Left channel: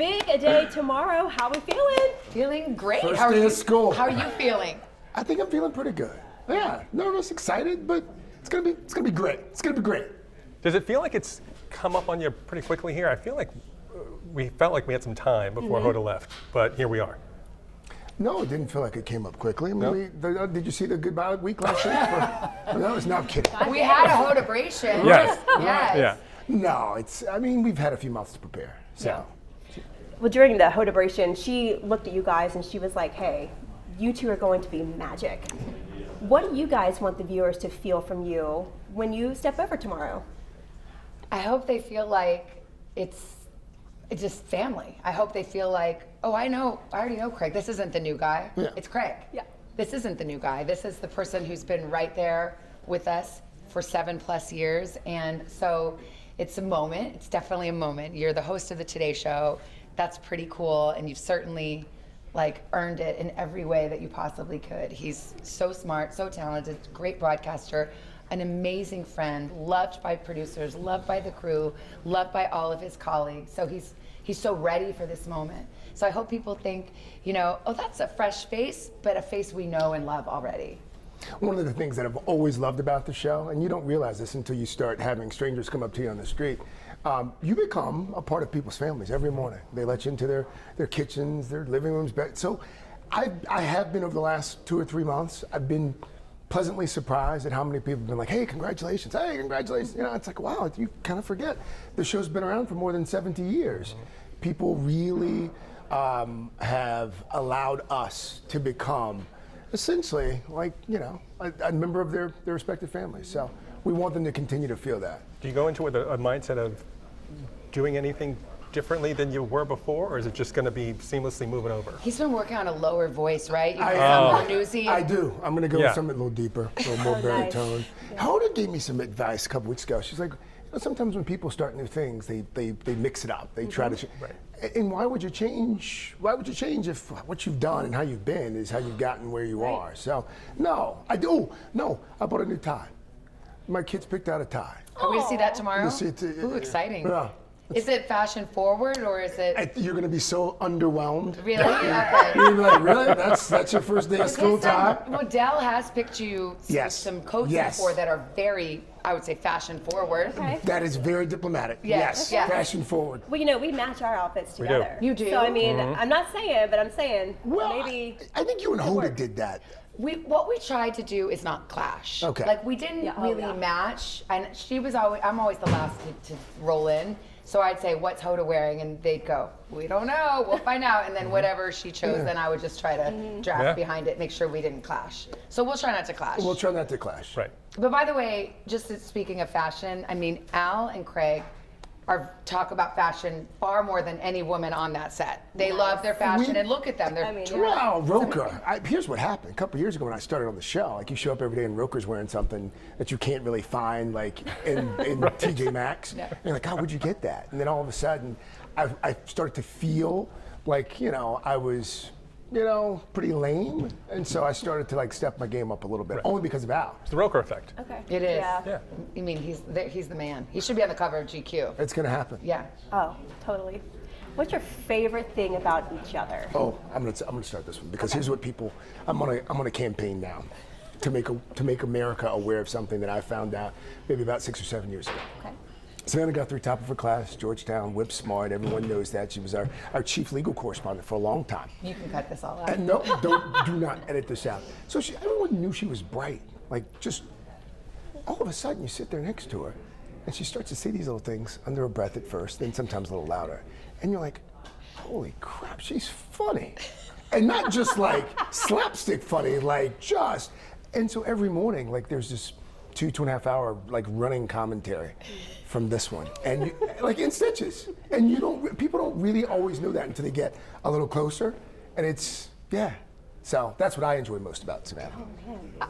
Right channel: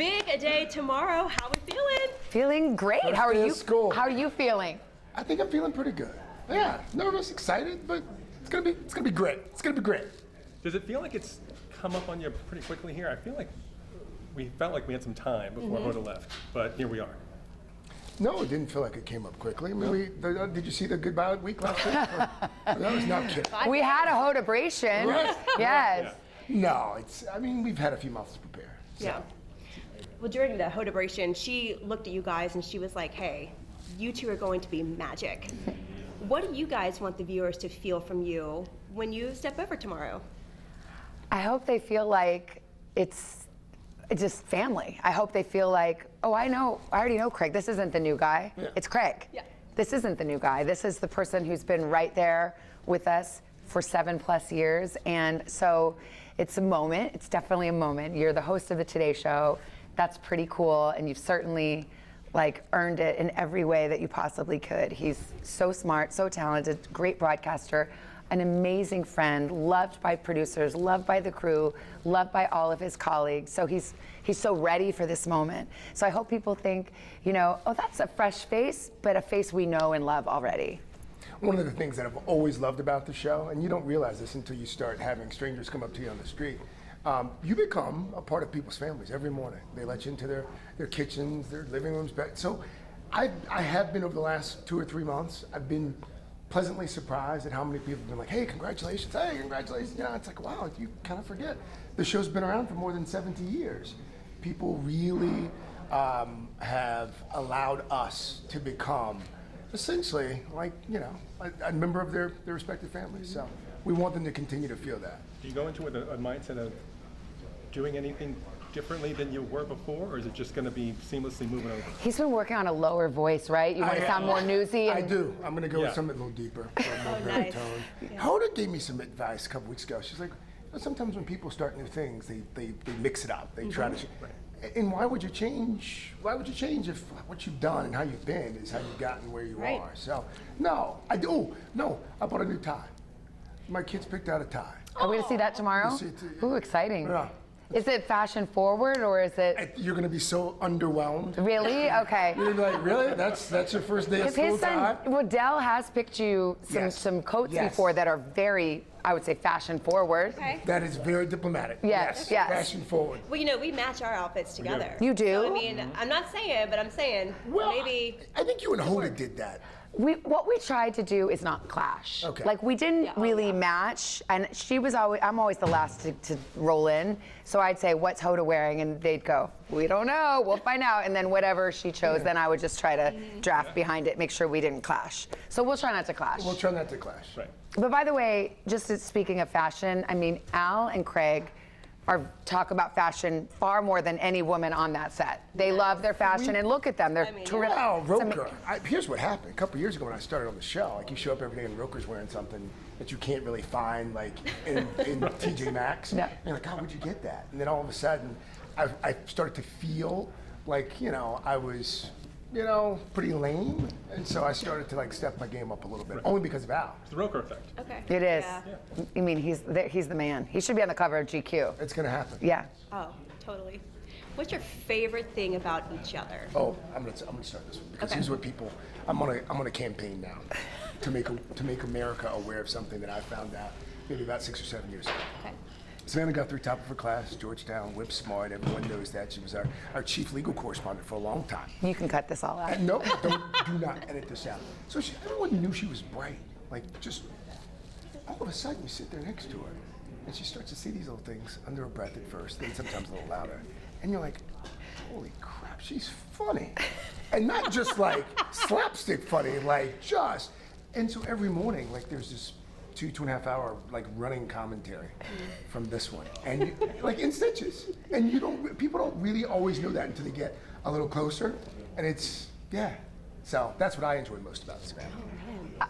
big day tomorrow. How are we feeling? Feeling great. First How are day you? of school. How are you feeling? I think I'm feeling pretty good. Yeah, nervous, excited, but it's gonna be great. It's gonna be great. Does it feel like it's come up on you pretty quickly here? I feel like we felt like we had some time before Hoda left, but here we are. No, it didn't feel like it came up quickly. I mean, did you see the goodbye week last week? No, it's not kidding. We had a Hodabration. Yes. Yes. Yeah. No, we've had a few months to prepare. So. Yeah. Well, during the Hodabration, she looked at you guys and she was like, hey, you two are going to be magic. What do you guys want the viewers to feel from you when you step over tomorrow? I hope they feel like it's just family. I hope they feel like, oh, I already know Craig. This isn't the new guy. Yeah. It's Craig. Yeah. This isn't the new guy. This is the person who's been right there with us for 7+ years. And so it's a moment. It's definitely a moment. You're the host of the Today Show. That's pretty cool. And you've certainly earned it in every way that you possibly could. He's so smart, so talented, great broadcaster, an amazing friend, loved by producers, loved by the crew, loved by all of his colleagues. So he's so ready for this moment. So I hope people think, oh, that's a fresh face, but a face we know and love already. One of the things that I've always loved about the show, and you don't realize this until you start having strangers come up to you on the street, you become a part of people's families every morning. They let you into their kitchens, their living rooms, bed. So I have been over the last 2 or 3 months, I've been pleasantly surprised at how many people have been like, hey, congratulations, hey, congratulations. It's like, wow, you kind of forget. The show's been around for more than 70 years. People really have allowed us to become essentially a member of their respective families. So we want them to continue to feel that. Do you go into it with a mindset of doing anything differently than you were before, or is it just going to be seamlessly moving over? He's been working on a lower voice, right? You want to sound more newsy? I do. I'm going to go Yeah. with something a little deeper, a little more baritone. Hoda gave me some advice a couple weeks ago. She's like, sometimes when people start new things, they mix it up. They try to. Right. And why would you change? Why would you change if what you've done and how you've been is how you've gotten where you are? So, no, I do. No, I bought a new tie. My kids picked out a tie. Are we going to see that tomorrow? You'll see it, Ooh, exciting. Yeah. Is it fashion forward or is it? You're going to be so underwhelmed. Really? Okay. You're like, really? That's your first day of school tie? Well, Dell has picked you Yes. some coats Yes. before that are very, I would say, fashion forward. Okay. That is very diplomatic. Yes. Yes. Fashion forward. Well, we match our outfits do. together. You do? So, I mean, I'm not saying, but I'm saying maybe. I think you and Hoda did that. What we tried to do is not clash. Okay. Like we didn't really match, and I'm always the last to roll in. So I'd say, what's Hoda wearing? And they'd go, we don't know, we'll find out. And then whatever she chose, then I would just try to draft behind it, make sure we didn't clash. So we'll try not to clash. We'll try not to clash. Right. But by the way, just speaking of fashion, I mean, Al and Craig talk about fashion far more than any woman on that set. They love their fashion, and look at them. They're terrific. Well, Roker, here's what happened. A couple years ago when I started on the show, you show up every day and Roker's wearing something that you can't really find, in TJ Maxx. No. And you're like, where'd you get that? And then all of a sudden, I started to feel like, I was, pretty lame. And so I started to step my game up a little bit, only because of Al. It's the Roker effect. Okay. It is. Yeah. I mean, he's the man. He should be on the cover of GQ. It's going to happen. Yeah. Oh, totally. What's your favorite thing about each other? Oh, I'm gonna start this one because here's what people. I'm on a campaign now to make America aware of something that I found out maybe about 6 or 7 years ago. Okay. Savannah Guthrie, top of her class, Georgetown, whip smart. Everyone knows that. She was our chief legal correspondent for a long time. You can cut this all out. And no, do not edit this out. So everyone knew she was bright. Just all of a sudden, you sit there next to her, and she starts to say these little things under her breath at first, then sometimes a little louder, and you're like, holy crap, she's funny. And not just slapstick funny, and so every morning, there's this 2.5 hour running commentary from this one, and in stitches. And people don't really always know that until they get a little closer, and so that's what I enjoy most about Savannah.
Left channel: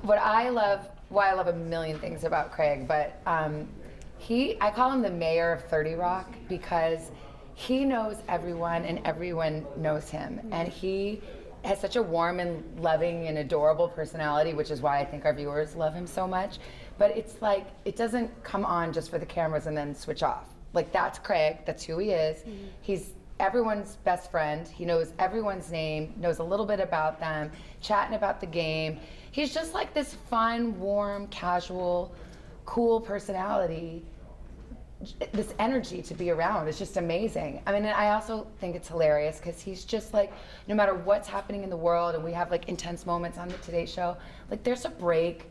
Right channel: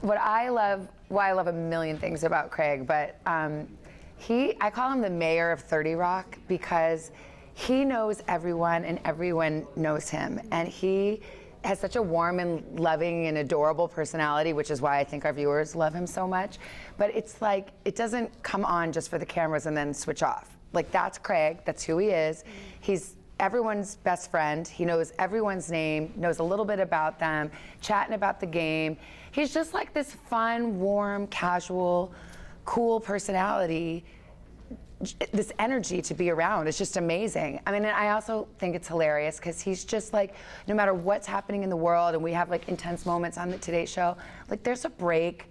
What I love a million things about Craig, but I call him the mayor of 30 Rock because he knows everyone and everyone knows him, and he has such a warm and loving and adorable personality, which is why I think our viewers love him so much. But it's it doesn't come on just for the cameras and then switch off. That's Craig, that's who he is. He's everyone's best friend. He knows everyone's name, knows a little bit about them, chatting about the game. He's just like this fun, warm, casual, cool personality. This energy to be around is just amazing. I mean, I also think it's hilarious because he's just like, no matter what's happening in the world, and we have like intense moments on the Today Show, like there's a break,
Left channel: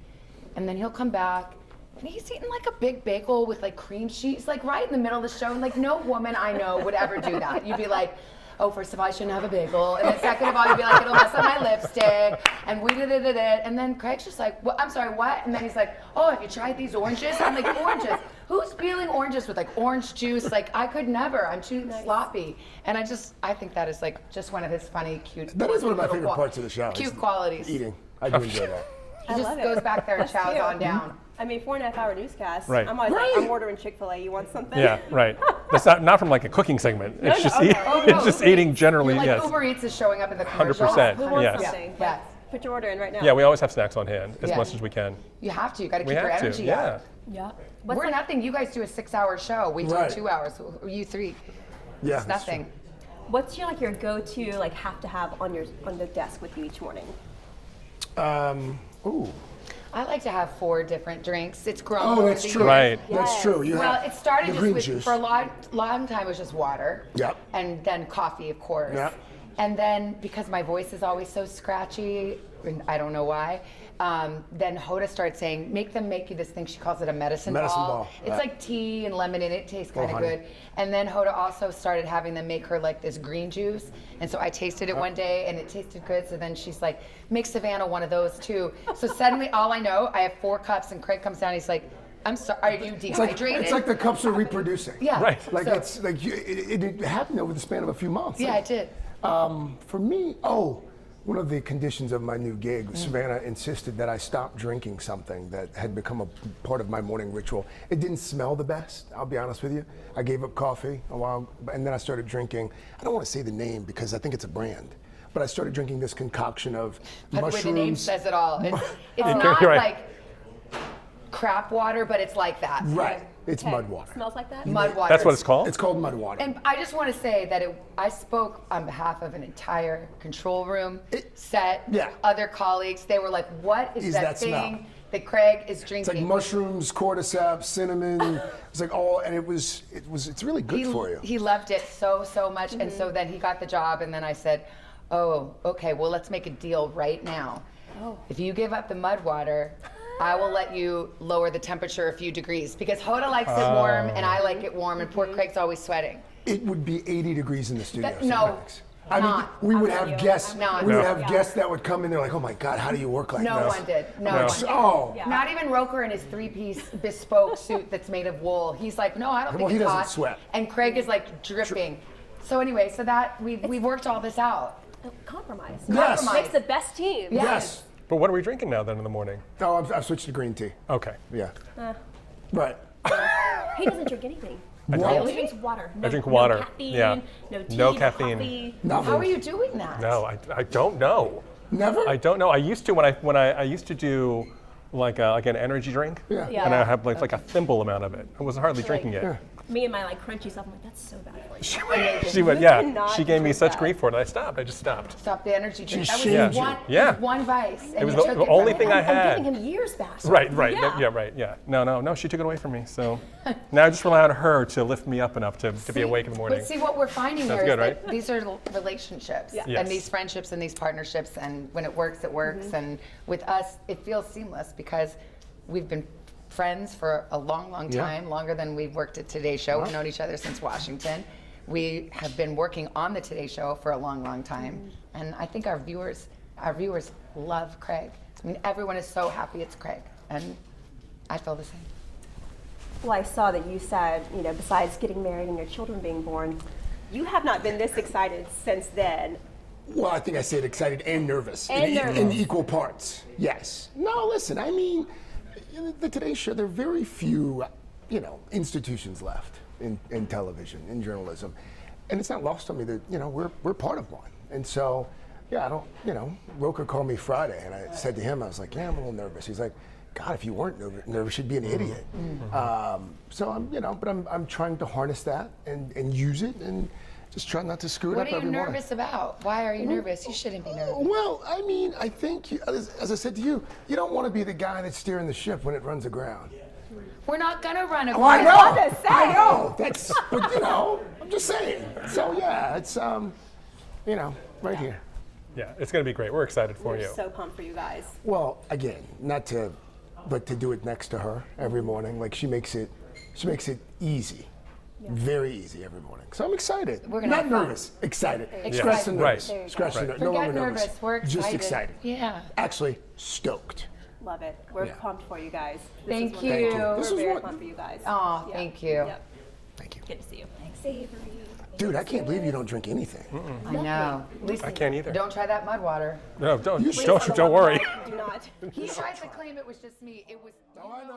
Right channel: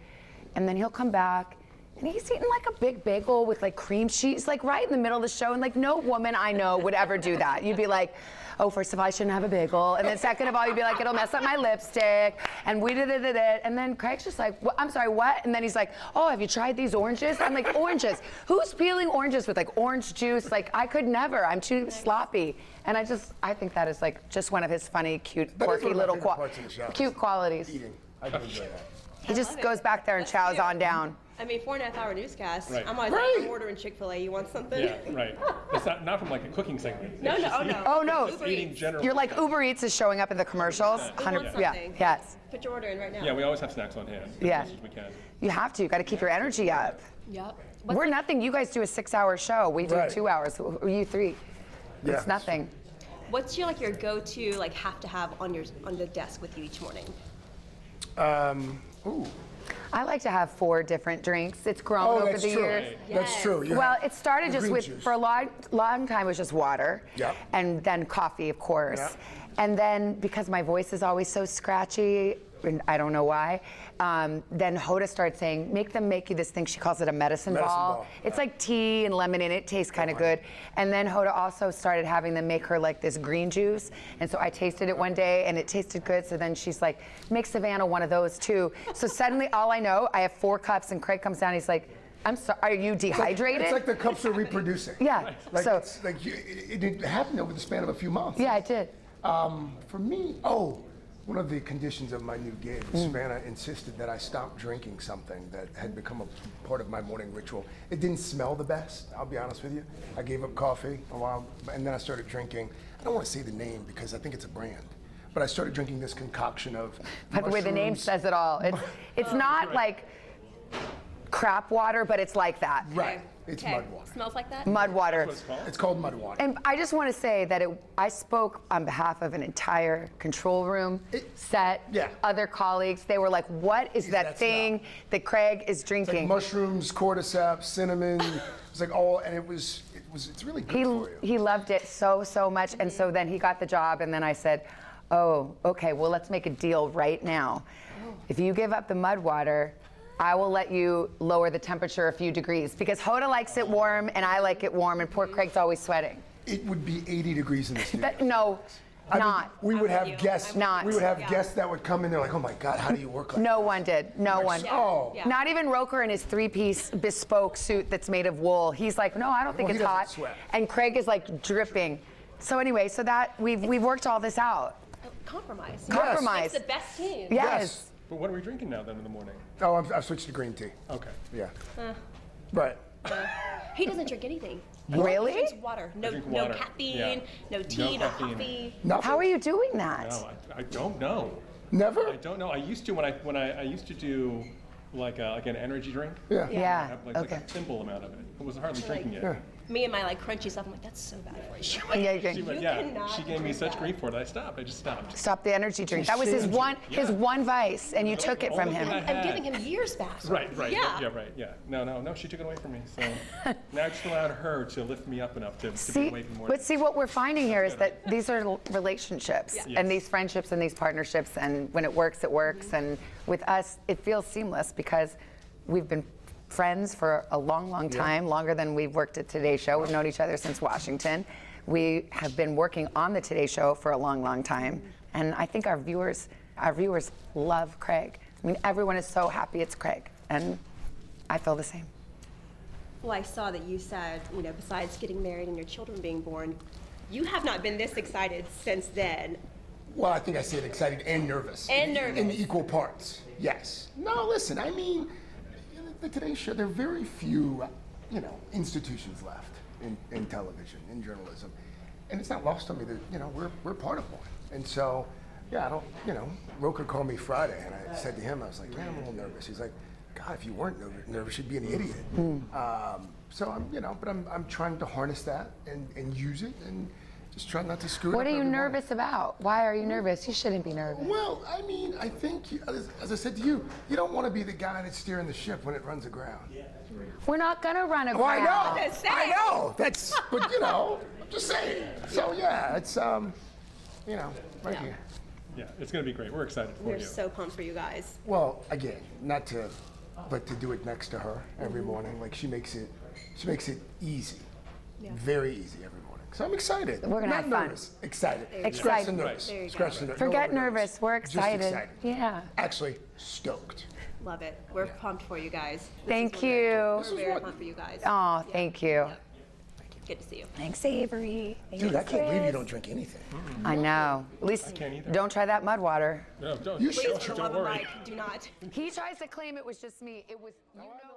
and then he'll come back, and he's eating like a big bagel with like cream cheese, like right in the middle of the show, and like no woman I know would ever do that. You'd be like, oh, first of all, I shouldn't have a bagel, and then second of all, you'd be like, it'll mess up my lipstick, and we did it, and then Craig's just like, I'm sorry, what? And then he's like, oh, have you tried these oranges? I'm like, oranges? Who's peeling oranges with like orange juice? Like, I could never, I'm too sloppy. And I think that is like just one of his funny, cute, That is one of my little favorite parts of the show. cute qualities. Eating. I do enjoy that. He just goes back there and chows cute. on down. I mean, 4.5 hour newscast. Right. I'm always like, I'm ordering Chick-fil-A. You want something? Yeah, right. That's not from like a cooking segment. It's just okay. it's just eating generally. You're like Yes. Uber Eats is showing up in the commercials. 100%. We want Yes. something. Yes. Put your order in right now. Yeah, we always have snacks on hand as Yeah. much as we can. You have to. You got to We keep your have to, energy yeah. up. Yep. We're nothing. You guys do a 6-hour show. We do Right. 2 hours. Or you 3. Yeah, It's that's nothing. What's your go-to have to have on the desk with you each morning? Ooh. I like to have 4 different drinks. It's grown Oh, over that's the true. years. Right. That's Yes. true. You Well, have it started the just green with, juice. for a long time, it was just water. Yep. And then coffee, of course. Yep. And then because my voice is always so scratchy, and I don't know why, then Hoda started saying, make them make you this thing. She calls it a medicine ball. It's yeah. like tea and lemon, and it tastes kind of honey. good. And then Hoda also started having them make her like this green juice. And so I tasted it one day, and it tasted good. So then she's like, make Savannah one of those too. So suddenly, all I know, I have 4 cups, and Craig comes down, he's like, I'm sorry, are you dehydrated? It's like the cups are reproducing. Yeah. Right. Like So- it's like it happened over the span of a few months. Yeah, it did. For me, one of the conditions of my new gig, Savannah insisted that I stop drinking something that had become a part of my morning ritual. It didn't smell the best, I'll be honest with you. I gave up coffee a while, and then I started drinking. I don't want to say the name because I think it's a brand, but I started drinking this concoction of By the way, mushrooms. the name says it all. It's You're not right. like crap water, but it's like that. Right. It's Okay. mud water. Smells like that? Mud water. That's what it's called? It's called mud water. And I just want to say that I spoke on behalf of an entire control room set, Yeah. other colleagues. They were like, what is Is that that thing smell? that Craig is It's like drinking? mushrooms, cordyceps, cinnamon. It's like all, and it's really good for you. He loved it so much, and so then he got the job, and then I said, oh, okay, well, let's make a deal right now. If you give up the mud water, I will let you lower the temperature a few degrees, because Hoda likes it warm, and I like it warm, and poor Craig's always sweating. It would be 80 degrees in the studio. No, I mean, not. we would I'm have with you. guests. I'm with We you. would have Yeah. guests that would come in. They're like, "Oh my God, how do you work like No this?" one did. No Like, one did. Oh, Yeah. Not even Roker in his 3-piece bespoke suit that's made of wool. He's like, no, I don't think Well, he it's doesn't hot. sweat. And Craig is like dripping. So anyway, so that we've worked all this out. Compromise. Yes. Makes Compromise. the best team. Yes. Yes. But what are we drinking now then in the morning? Oh, I've switched to green tea. Okay. Yeah. Right. He doesn't drink anything. Really? He drinks water. No, drink water. No caffeine. Yeah. No tea. No No caffeine. coffee. Nothing. How are you doing that? No, I don't know. Never. I don't know. I used to when I used to do like an energy drink. Yeah. Yeah. And I had like a thimble amount of it. I was hardly drinking it. Me and my crunchy stuff. I'm like, that's so bad for you. She went, You yeah. cannot She gave me drink such that. grief for it. I stopped. I just stopped. Stop the energy drink. That was shamed his you. one, Yeah. his one vice, and It was you the took it only from thing him. I I'm had. giving him years back. Right. Yeah. Right. Yeah. No. She took it away from me. So now I just rely on her to lift me up enough to be awake in the morning. But see, what we're finding Sounds here good, is that right? these are relationships, Yeah. Yes. and these friendships and these partnerships, and when it works, it works. And with us, it feels seamless because we've been friends for a long time, longer than we've worked at Today Show. We've known each other since Washington. We have been working on the Today Show for a long time, and I think our viewers love Craig. I mean, everyone is so happy it's Craig, and I feel the same. Well, I saw that you said, besides getting married and your children being born, you have not been this excited since then. Well, I think I said excited and nervous. And in, nervous. in equal parts. Yes. No, listen. I mean, the Today Show. There are very few, institutions left in television, in journalism, and it's not lost on me that we're part of one. And so, yeah, I don't. Roker called me Friday, and I said to him, I was like, yeah, I'm a little nervous. He's like, God, if you weren't nervous, you'd be an idiot. So I'm trying to harness that and use it, and just try not to screw it What up are you every morning. nervous about? Why are you nervous? You shouldn't be nervous. Well, I mean, I think, as I said to you, you don't want to be the guy that's steering the ship when it runs aground. We're not gonna run a Oh, I about know. to say. I know. That's, but you know, I'm just saying. So yeah, it's you know, right here. Yeah, it's going to be great. We're excited for We're you. so pumped for you guys. Well, again, but to do it next to her every morning, like she makes it easy, very easy every morning. So I'm excited. We're gonna Not have fun. nervous, excited. Excited. Scratch the Right. nerves. There you go. Scratch the nerves. No Forget longer nervous. We're Just excited. excited. Yeah. Actually, stoked. Love it. We're pumped for you guys. Thank is wonderful. you. This We're is very what- pumped for you guys. Oh, thank you. Yep. Thank you. Good to see you. Thanks, Avery. Dude, I can't believe you don't drink anything. I know. At least I can't either. Don't try that mud water. No, don't You should- worry. Do not. He tries to claim it was just me. It was. Oh, I know.